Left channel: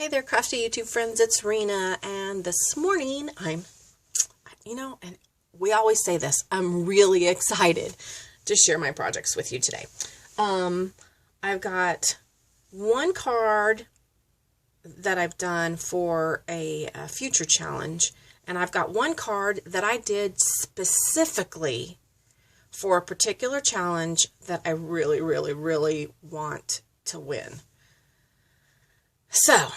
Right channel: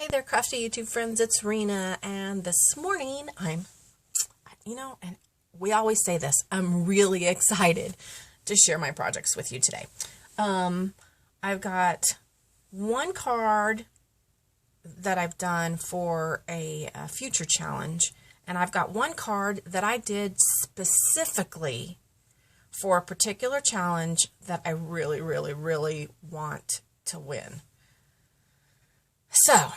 Hey there, crafty YouTube friends, it's Rena, and this morning and we always say this, I'm really excited to share my projects with you today. I've got one card that I've done for a future challenge, and I've got one card that I did specifically for a particular challenge that I really, really, really want to win. So,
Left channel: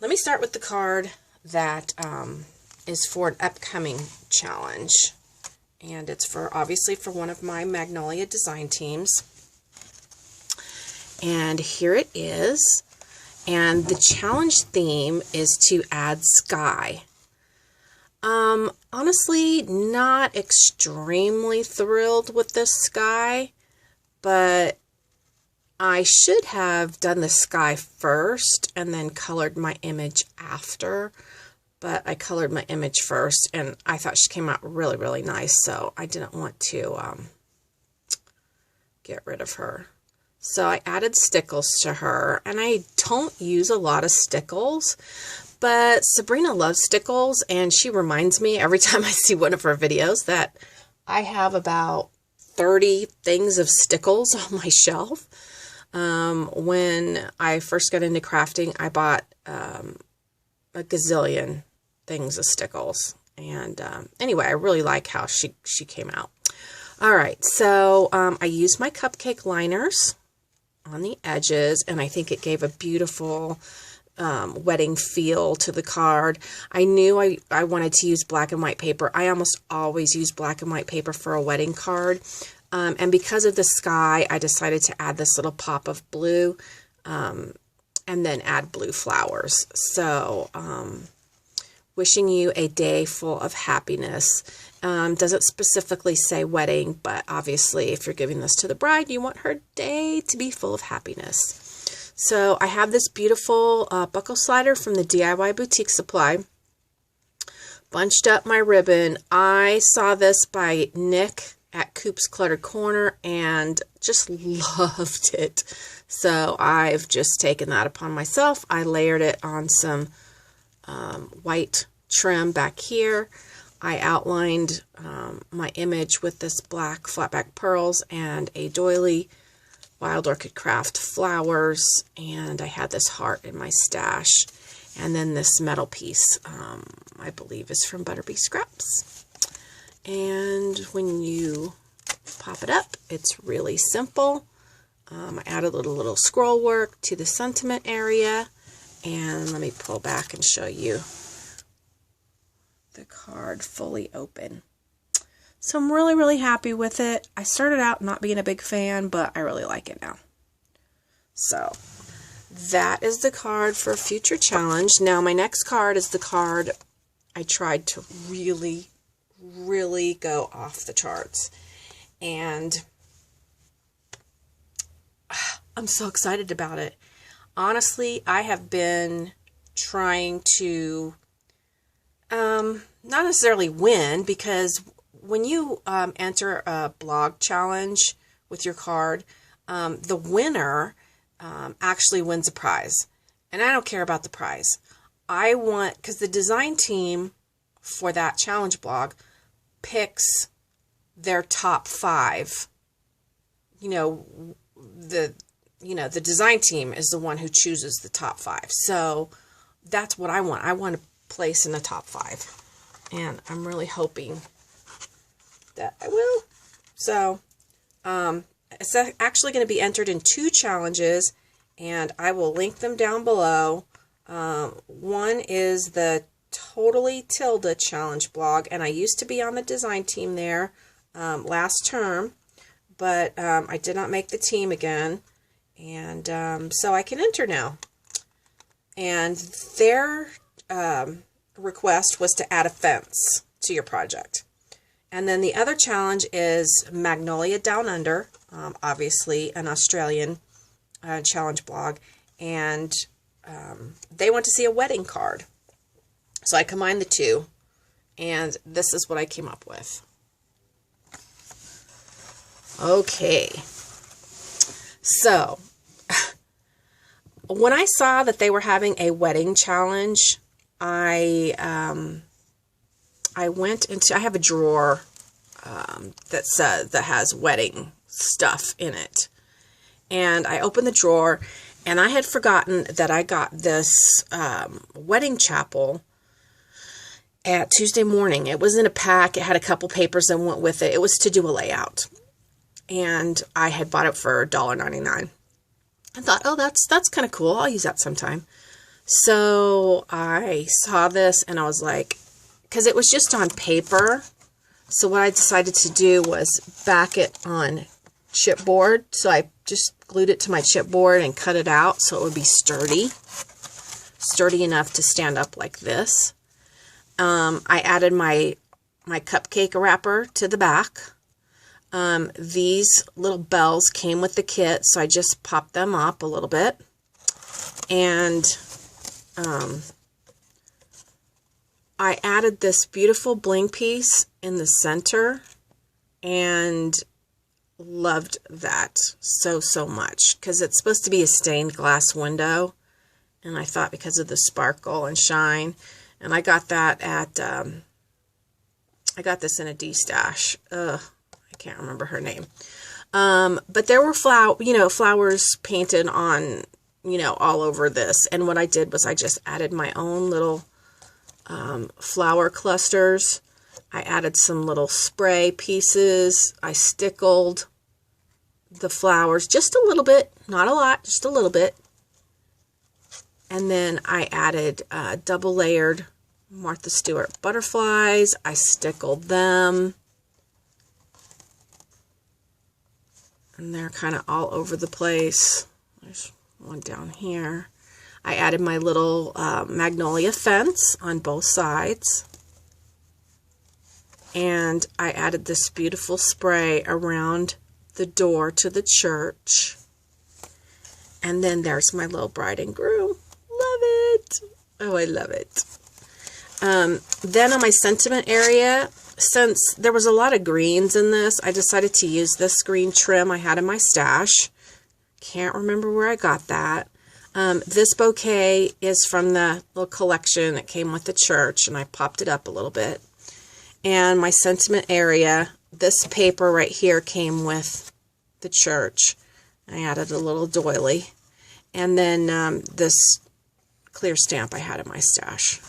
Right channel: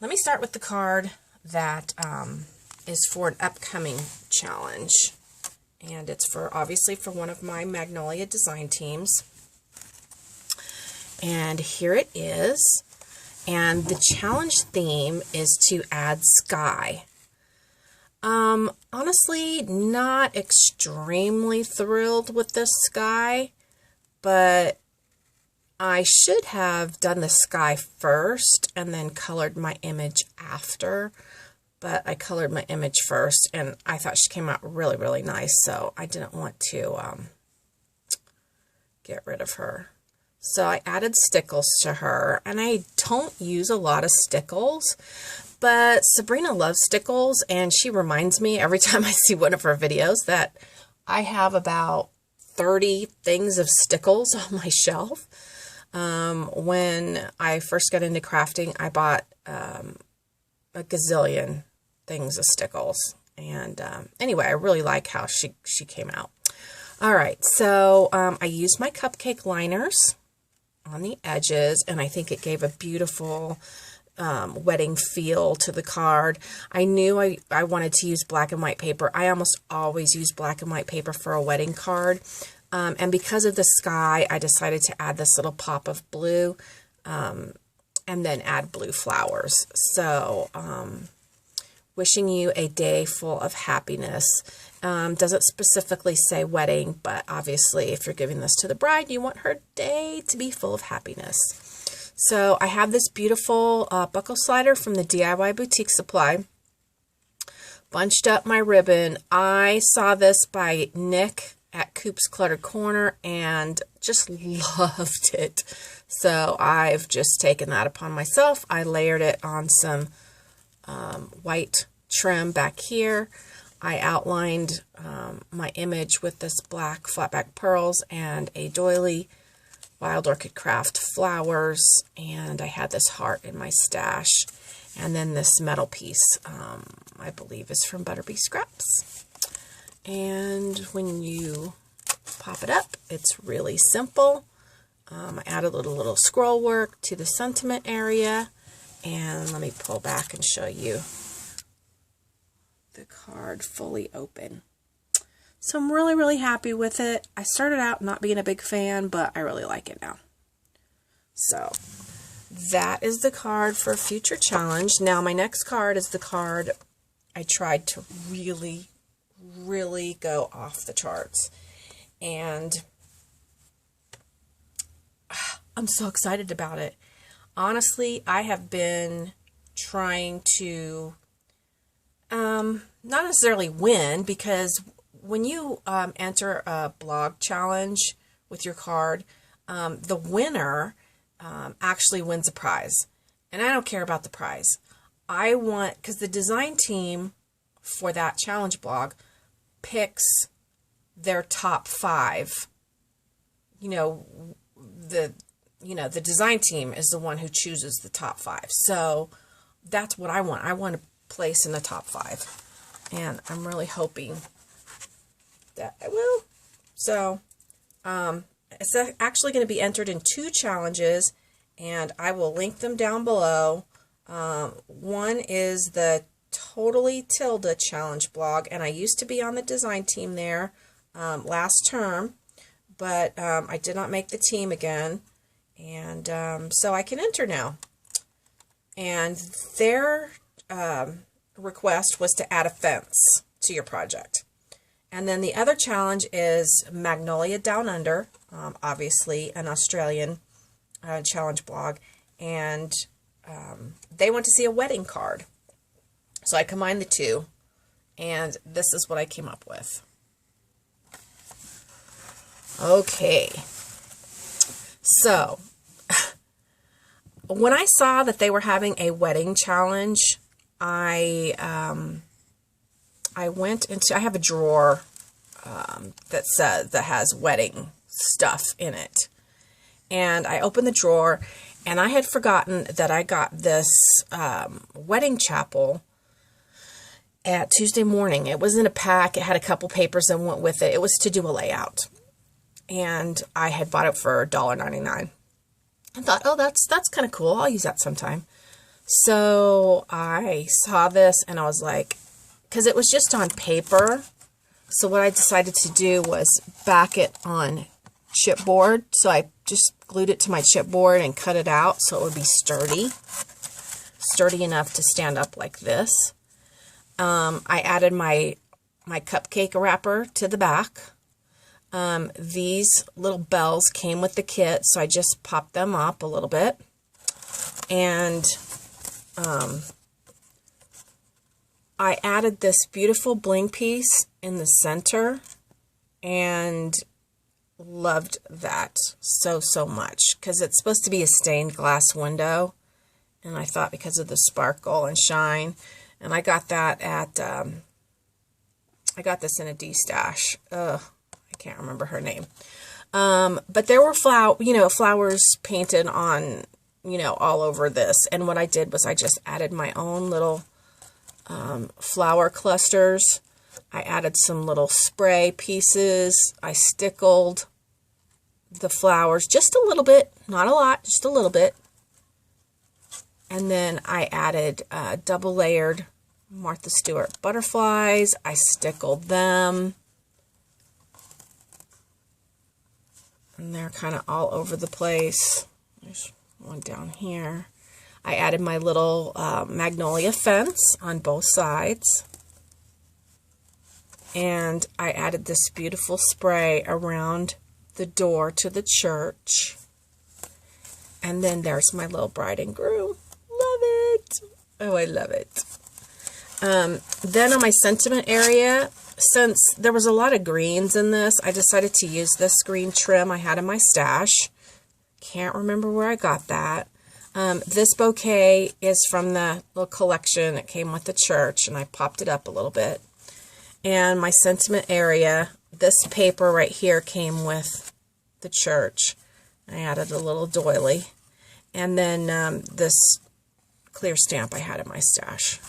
let me start with the card that is for an upcoming challenge. And it's obviously for one of my Magnolia design teams. And here it is. And the challenge theme is to add sky. Honestly, not extremely thrilled with this sky, but I should have done the sky first and then colored my image after, but I colored my image first and I thought she came out really, really nice, so I didn't want to get rid of her. So I added stickles to her, and I don't use a lot of stickles, but Sabrina loves stickles, and she reminds me every time I see one of her videos that I have about 30 things of stickles on my shelf. When I first got into crafting, I bought a gazillion things of stickles. And anyway, I really like how she came out. All right, so I used my cupcake liners on the edges, and I think it gave a beautiful wedding feel to the card. I knew I wanted to use black and white paper. I almost always use black and white paper for a wedding card. And because of the sky, I decided to add this little pop of blue and then add blue flowers. So, wishing you a day full of happiness. Doesn't specifically say wedding, but obviously if you're giving this to the bride, you want her day to be full of happiness. So I have this beautiful buckle slider from the DIY Boutique Supply. Bunched up my ribbon. I saw this by Nick at Coop's Cluttered Corner and just loved it. So I've just taken that upon myself. I layered it on some white trim back here. I outlined my image with this black flat back pearls and a doily Wild Orchid Craft flowers, and I had this heart in my stash. And then this metal piece, I believe is from Butterbee Scraps. And when you pop it up, it's really simple. I added a little scroll work to the sentiment area. And let me pull back and show you the card fully open. So I'm really, really happy with it. I started out not being a big fan, but I really like it now. So that is the card for a future challenge. Now my next card is the card I tried to really go off the charts, and I'm so excited about it. Honestly, I have been trying to not necessarily win, because when you enter a blog challenge with your card, the winner actually wins a prize, and I don't care about the prize. I want, because the design team for that challenge blog picks their top 5, you know, you know, the design team is the one who chooses the top 5. So that's what I want. I want to place in the top 5. And I'm really hoping that I will. So it's actually going to be entered in 2 challenges, and I will link them down below. One is the Totally Tilda challenge blog, and I used to be on the design team there last term, but I did not make the team again, and so I can enter now. And their request was to add a fence to your project. And then the other challenge is Magnolia Down Under, obviously an Australian challenge blog, and they want to see a wedding card. So I combined the 2, and this is what I came up with. Okay, so when I saw that they were having a wedding challenge, I went into, I have a drawer that has wedding stuff in it, and I opened the drawer, and I had forgotten that I got this wedding chapel at Tuesday morning. It was in a pack. It had a couple papers that went with it. It was to do a layout, and I had bought it for $1.99. I thought, oh, that's kind of cool. I'll use that sometime. So I saw this, and I was like, because it was just on paper, so what I decided to do was back it on chipboard. So I just glued it to my chipboard and cut it out so it would be sturdy enough to stand up like this. I added my cupcake wrapper to the back. These little bells came with the kit, so I just popped them up a little bit. And I added this beautiful bling piece in the center, and loved that so much, because it's supposed to be a stained glass window, and I thought because of the sparkle and shine. And I got that at, I got this in a D-stash. I can't remember her name. But there were flowers painted on, all over this. And what I did was I just added my own little flower clusters. I added some little spray pieces. I stickled the flowers just a little bit, not a lot, just a little bit. And then I added double layered Martha Stewart butterflies. I stickled them. And they're kind of all over the place. There's one down here. I added my little magnolia fence on both sides. And I added this beautiful spray around the door to the church. And then there's my little bride and groom. Love it. Oh, I love it. Then on my sentiment area, since there was a lot of greens in this, I decided to use this green trim I had in my stash. Can't remember where I got that. This bouquet is from the little collection that came with the church, and I popped it up a little bit. And my sentiment area, this paper right here came with the church. I added a little doily. And then this clear stamp I had in my stash.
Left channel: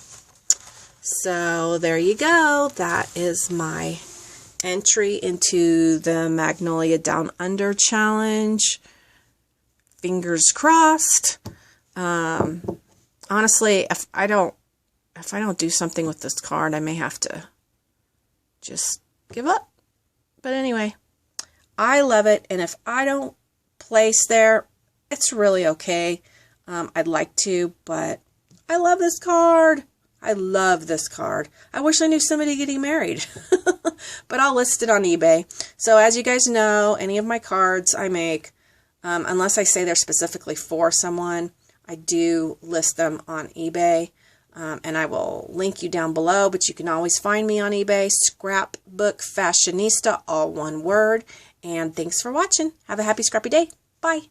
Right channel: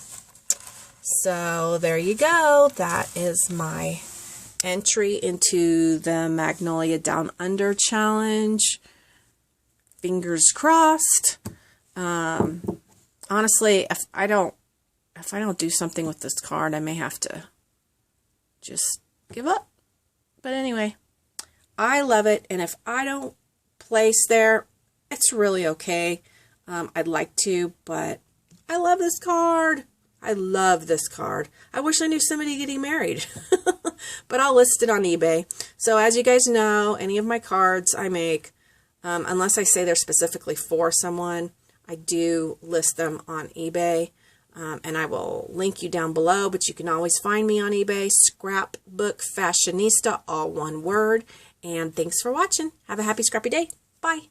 So there you go. That is my entry into the Magnolia Down Under challenge. Fingers crossed. Honestly, if I don't do something with this card, I may have to just give up. But anyway, I love it, and if I don't place there, it's really okay. I'd like to, but I love this card. I love this card. I wish I knew somebody getting married. But I'll list it on eBay. So as you guys know, any of my cards I make, unless I say they're specifically for someone, I do list them on eBay. And I will link you down below, but you can always find me on eBay, Scrapbook Fashionista, all one word. And thanks for watching. Have a happy scrappy day. Bye.